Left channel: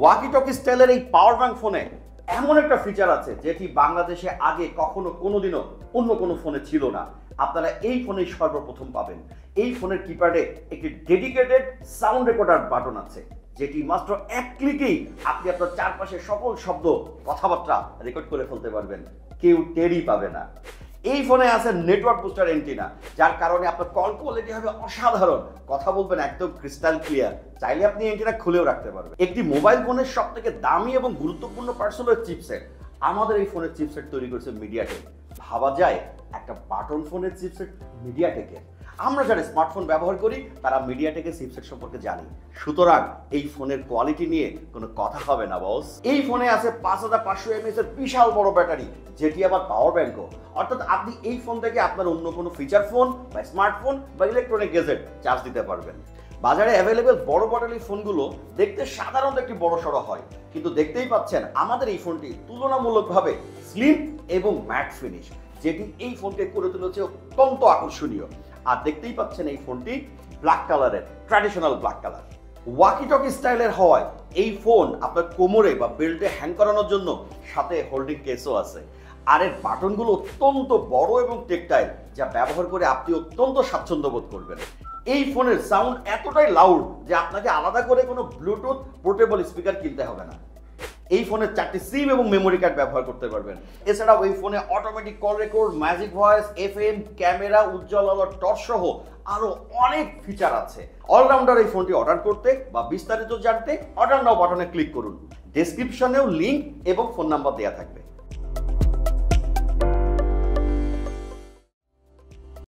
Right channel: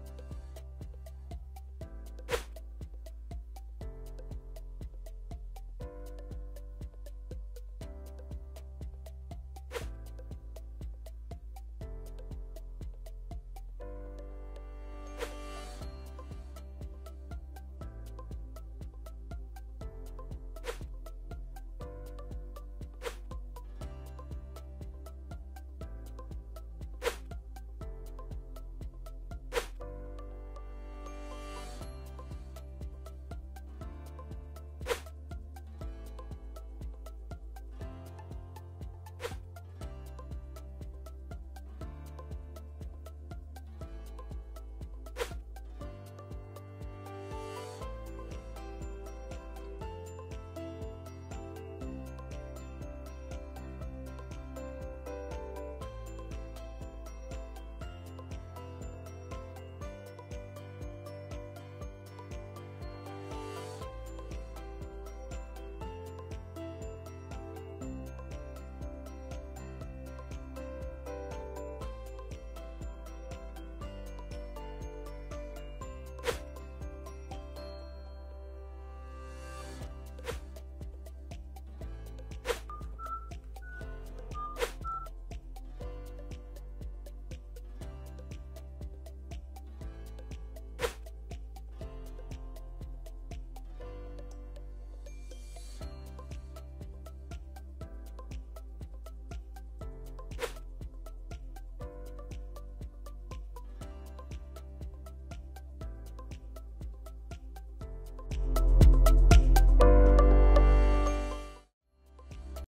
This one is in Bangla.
ওয়াকি টকি স্টাইলের এই পাওয়ার ব্যাংক ফোনে এমন একটা ফিচার আছে যেটি বাংলাদেশে আগে কখনো কোনোদিনও অন্য কোনো ফোনে ছিল না। আপনারা এই ফোনেই সর্বপ্রথম পাবেন। এই ফোনের কিপ্যাডে একটি ডেডিকেটেড সাউন্ড রেকর্ডার বাটন আছে, যেটি মাত্র এক ক্লিকেই আপনি আপনার চারপাশের সকল শব্দ কথাবার্তা রেকর্ড করে ফেলতে পারবেন, কেউ টেরই পাবে না। এই ফোনে আছে নেটওয়ার্ক বুস্টার এন্টিনা, যার কারণে আপনার কল কোয়ালিটি হবে অসাধারণ, কথা বলবেন একদম ক্রিস্টাল ক্লিয়ার। চাইলে আপনি এন্টিনা খুলেও রাখতে পারবেন। একটি মোবাইল ফোনের সব থেকে দামি এবং গুরুত্বপূর্ণ পার্টস হলো চিপসেট। আমাদের এই ফোনের চিপসেট তৈরি করেছে মিডিয়াটেক। ভাবা যায় একটা বাটন ফোনের চিপসেট মিডিয়াটেকের। আমরা যারা স্মার্টফোন ব্যবহার করি তারা মিডিয়াটেকের চিপসেট সম্পর্কে জানি, সুতরাং এই ফোনের কোয়ালিটি নিয়ে কোনো কথা হবে না বস। এই ফোনে আছে 5500 mAh এর বিশাল বড় ব্যাটারি, যেটি আবার পাওয়ার ব্যাংকও। অর্থাৎ আপনি এই ফোন থেকে আপনার অন্য কোনো ফিচার ফোন বা স্মার্টফোন বা ইলেকট্রনিক গ্যাজেট চার্জ দিতে পারবেন। বাজারে অ্যাভেলেবেল বড় মডেলের ফোনগুলো দেখতে সাধারণত একটি বড় সড়ো হয়, কিন্তু দেখতেই পাচ্ছেন আমাদের এই ফোনটি তুলনামূলকভাবে স্লিম এবং ম্যাট ফিনিশ, যেটি এই ফোনকে করে তুলেছে অত্যন্ত আকর্ষণীয়। আর দেখতেই পাচ্ছেন এই ফোনটি ব্ল্যাক কালারের, traditional black colour. Walkie talkie স্টাইলের হওয়ায় এই ফোন আপনার কোমরে বা বেল্টে হ্যাং করানোর জন্য সাথে হোল্ডিং কেসও আছে। আর এর বাটনগুলো অত্যন্ত বড় এবং টেকটাইল, যা ব্যবহার করে আপনি অত্যন্ত স্বাচ্ছন্দ্য বোধ করবেন। এই ফোনের সাউন্ড এতটাই লাউড যে আপনাকে আলাদা করে কোনো ব্লুটুথ পোর্টেবল স্পিকার কিনতে হবে না। এই ফোনে 4টি সিম এবং মেমোরি কার্ড ব্যবহার করতে পারবেন। এছাড়াও এই ফোনে automatic call record, magic voice, FM, camera, উজ্জ্বল আলোর টর্চ সহ আরো অনেক ফিচার আছে। অলরাউন্ডার এই ফোনটি অর্ডার করতে বা বিস্তারিত জানতে অর্ডার নাও বাটনে ক্লিক করুন। ডেসক্রিপশনেও লিংক এবং ফোন নাম্বার দেওয়া থাকবে।